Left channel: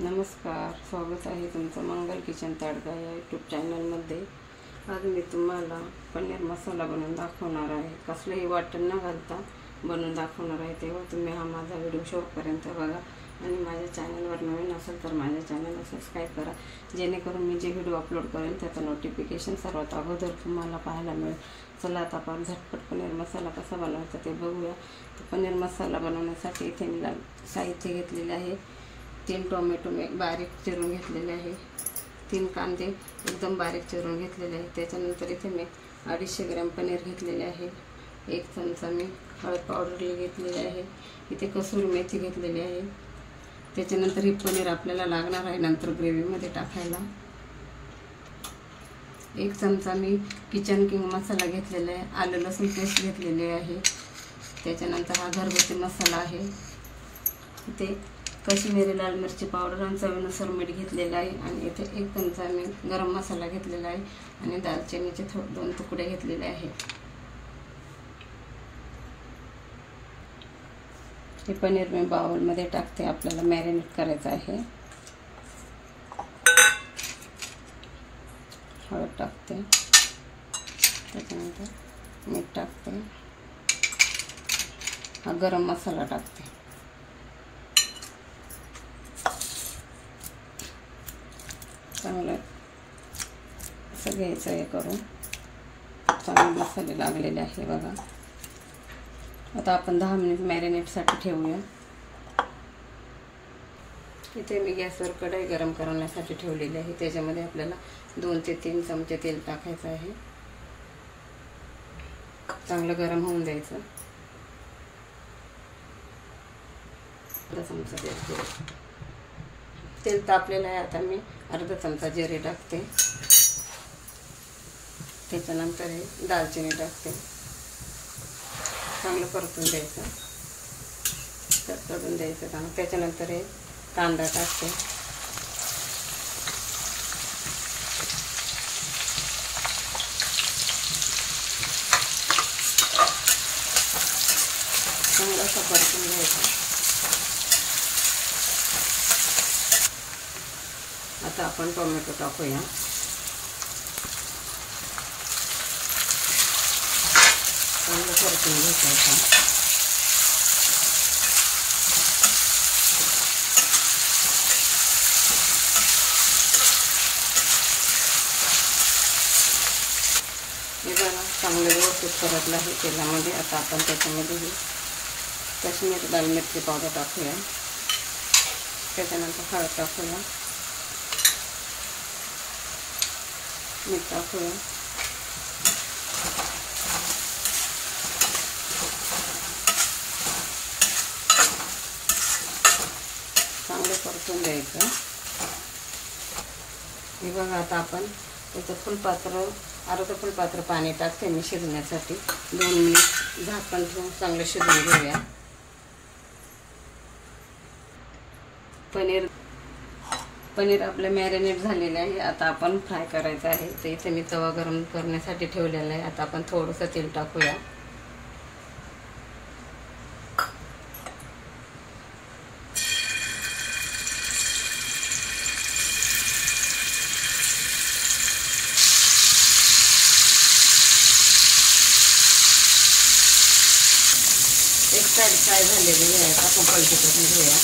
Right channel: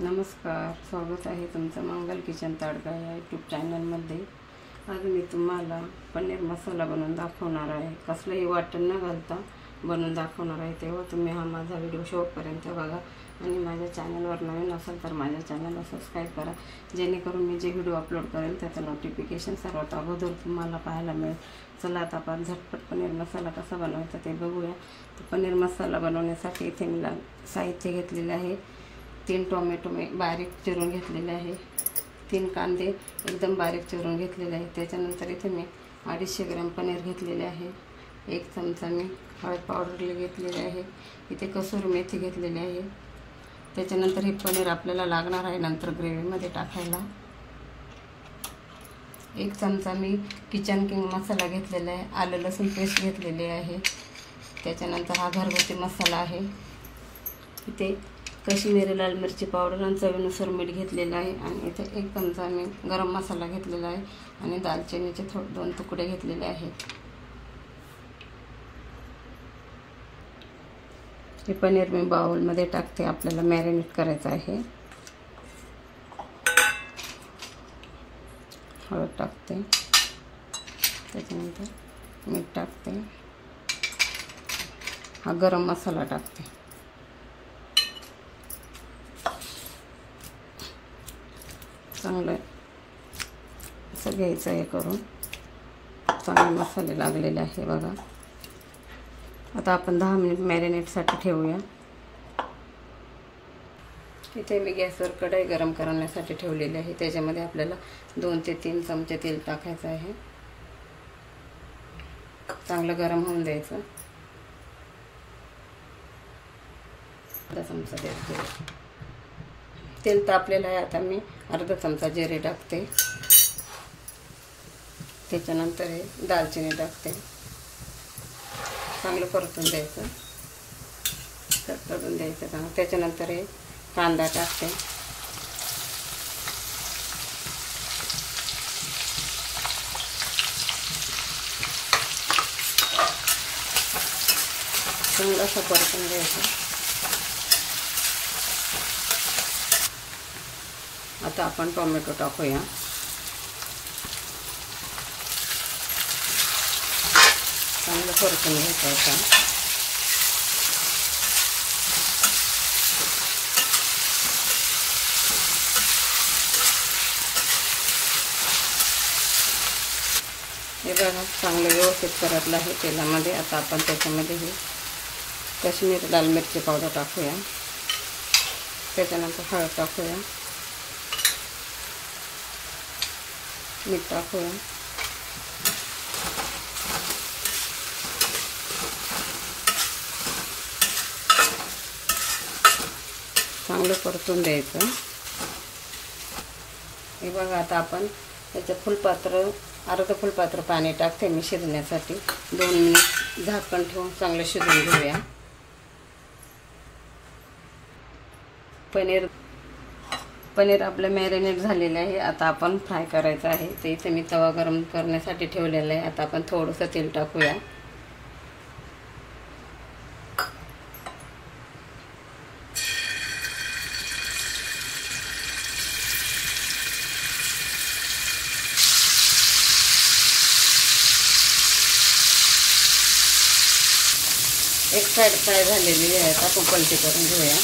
नमस्कार, स्वागत आहे तुमचं मंगल किचन ताडगा या यूट्यूब चॅनलमध्ये। आज मी तुम्हाला पनीर मसाला बनवून दाखवणार आहे। कसलंही वाटण न घालता बनवून दाखवणार आहे। तेव्हा तुम्ही हा माझा व्हिडिओ शेवटपर्यंत बघा आणि माझ्या चॅनलवर नवीन असेल तर माझ्या चॅनलला सबस्क्राईब करा, जेणेकरून मी जे व्हिडिओ अपलोड करेल त्याचं नोटिफिकेशन सर्वात अगोदर तुम्हाला पाहायला मिळेल। चला आता आपण झटपट पनीर मसाला कसा बनवायचा ते बघूया। तर पनीर मसाला बनवण्यासाठी इथे मी साहित्य घेतलेले आहे। 3 टोमॅटो मी बारीक चिरून घेतलेले आहे, 3 कांदे एकदम बारीक चिरून घेतलेले आहे। त्याच्यानंतर इथे मी 250 ग्रॅम पनीर घेतलेले आहे। 1 चमचा मी हळद पावडर घेतलेली आहे। इथे कसुरी मेथी घेतलेली आहे। त्याच्यानंतर हे पनीर आपल्याला लागणार आहे नंतर ग्रेव्हीमध्ये टाकायला। 1 चमचा मी किचन किंग मसाला घेतलेला आहे। आलं लसूण पेस्ट घेतलेली आहे। त्याच्यानंतर हा घरगुती मसाला आहे। इथे कश्मीरी लाल मिरची पावडर आणि चवीनुसार मीठ घेतलेलं आहे। आणि इथे 1 चमचा मी गरम मसाला घेतलेला आहे आणि दालचिनीचे 2 तुकडे घेतलेले आहेत। हे पनीर मी बाउलमध्ये टाकते, आपल्याला मॅरिनेट करायचं आहे। हळद टाकते, त्याच्यानंतर मीठ टाकते, हा गरम मसाला टाकते। चांगलं असं घ्यायचं आहे करून, चांगले मसाले लागलेले आहे बघा। आता आपण 10 मिनिट मॅरिनेटसाठी ठेवूया। इथे मी गॅसवर कढई गरम करण्यासाठी ठेवलेली आहे। त्याच्यामध्ये आपल्याला 2 ते 3 चमचे तेल टाकायचं आहे। चांगलं गरम होऊन द्यायचं। अर्धा चमचा तेल तापलेलं आहे। आता मी अर्धा चमचा जिरे टाकते, त्याच्यानंतर हे दालचिनी टाकते। चांगलं परतून द्यायचं, कट करून द्यायचं चांगलं। त्याच्यानंतर हे कांदा टाकते, चांगलं असं परतून घ्यायचं। आता आपण टोमॅटो टाकूया। चांगलं परतून घ्यायचं आता। हे बघा चांगलं व्यवस्थित परतलं आहे तेलामध्ये। आता आपण त्याच्यामध्ये ही काश्मीरी लाल मिरची पावडर टाकूया, त्याच्यानंतर हळद टाकूया, मीठ टाकूया, चांगलं परतून द्यायचं। हे बघा आता आपण त्याचं अर्ध फुलपात्र पाणी टाकते मी शिजण्यासाठी। 2 मिनिट झाकण ठेवून चांगलं शिजवून घेऊया। पनीर आपलं मॅरिनेट झालेलं आहे। आता आपण फ्राय करायचं आहे। ते इथे मी तवा गरम करण्यासाठी ठेवलेला आहे। आता आपण थोडंसं तेल टाकूया, एक साइड फ्राय झालेली आहे। आता आपण पलटी करून घेऊया।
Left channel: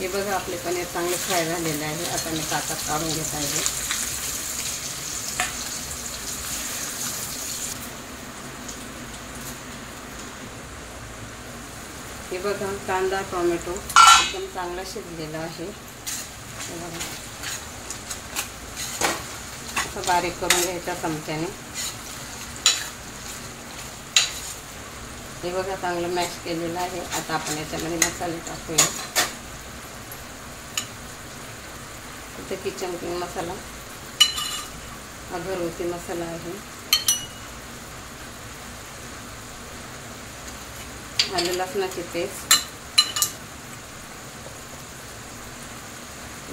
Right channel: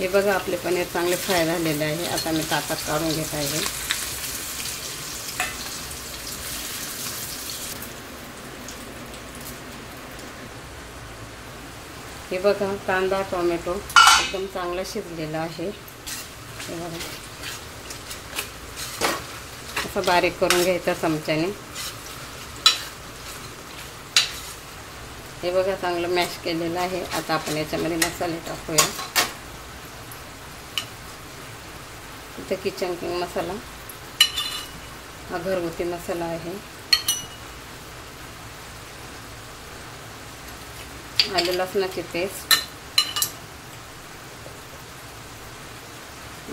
हे बघा आपले पनीर चांगले फ्राय झालेले आहे। आता मी ताटात काढून घेत आहे। हे बघा कांदा टोमॅटो एकदम चांगला शिजलेला आहे। असं बारीक करून घ्यायचं चमच्याने। हे बघा चांगलं मॅश केलेलं आहे। आता आपण याच्यामध्ये मसाले टाकूया। इथे किचन किंग मसाला, हा घरगुती मसाला आहे। आलं लसणाची पेस्ट,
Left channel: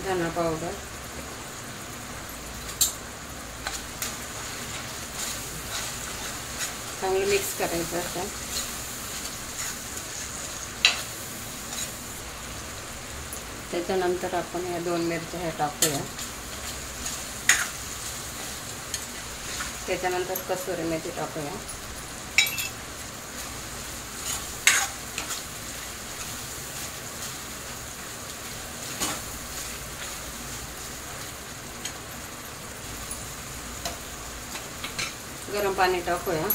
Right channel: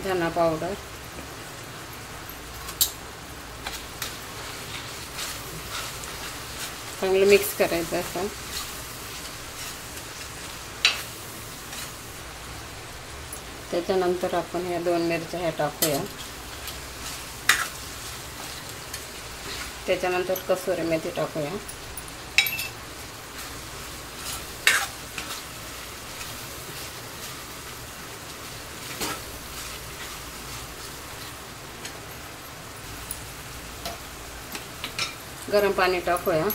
धना पावडर, चांगलं मिक्स करायचं असं. त्याच्यानंतर आपण या 2 मिरच्या ह्या टाकूया. त्याच्यानंतर कसुरी मेथी टाकूया. गरम पाणी टाकूया.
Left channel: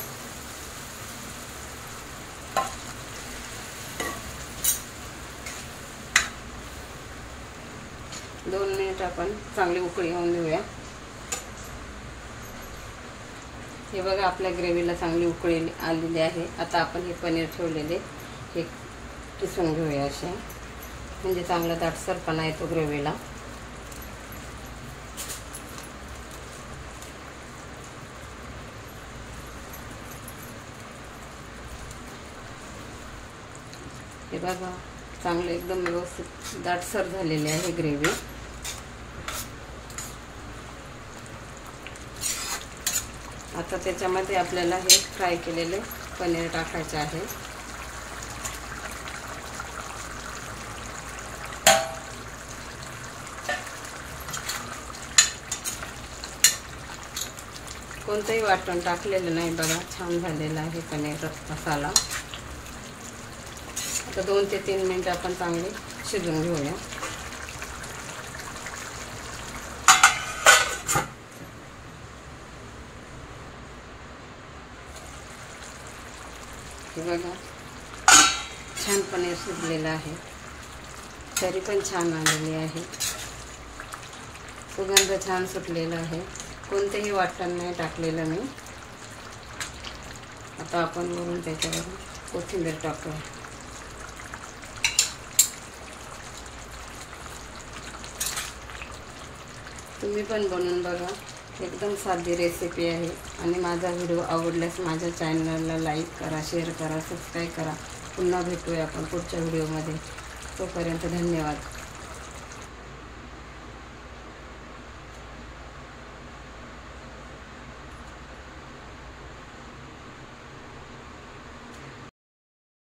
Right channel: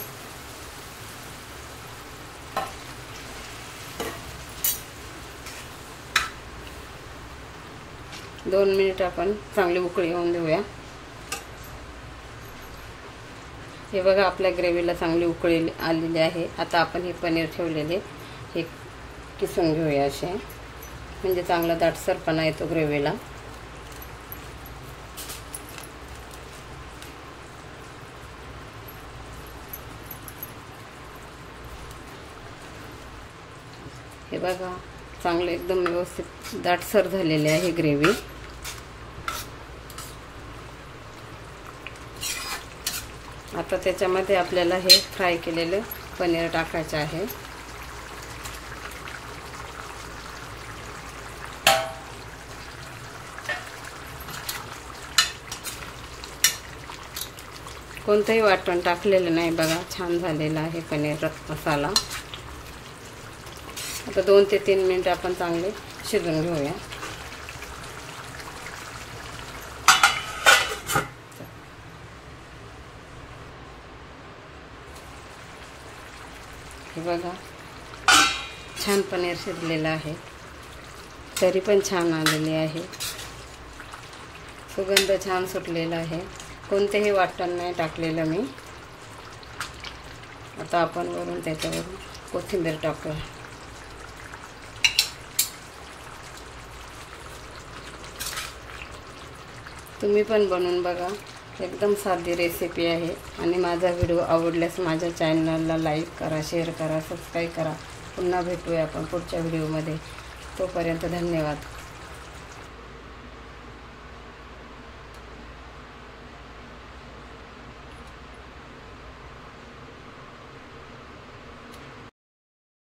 दोन मिनिट आपण चांगली उकळी येऊन देऊया. हे बघा आपल्या ग्रेव्हीला चांगली उकळी आलेली आहे. आता आपण हे पनीर ठेवलेले हे किसून घेऊया असे, म्हणजे चांगला दाटसरपणा येतो ग्रेव्हीला. हे बघा चांगलं एकदम व्यवस्थित दाटसर झालेले आहे ग्रेव्ही. आता त्याच्यामध्ये आपल्याला हे फ्राय केलेले पनीर टाकायचे आहे. कोणतंही वाटण टाकलेलं नाही बघा, छान झालेलं आहे पनीर मसाला. आता 2 ते 3 मिनिट आपण चांगले शिजवून घेऊया. हे बघा छान पनीर शिजलेलं आहे, तरी पण छान आलेली आहे. सुगंध छान सुटलेला आहे. कोणतेही वाटण नाही टाकलेलं मी. आता आपण वरून त्याच्यावर कोथिंबीर टाकूया. तुम्ही पण बनवून बघा, एकदम साधी रेसिपी आहे. आणि माझा व्हिडिओ आवडल्यास माझ्या चॅनलला लाईक करा, शेअर करा, सबस्क्राईब करा. पुन्हा भेटूया आपण पुढच्या व्हिडिओमध्ये. तोपर्यंत धन्यवाद.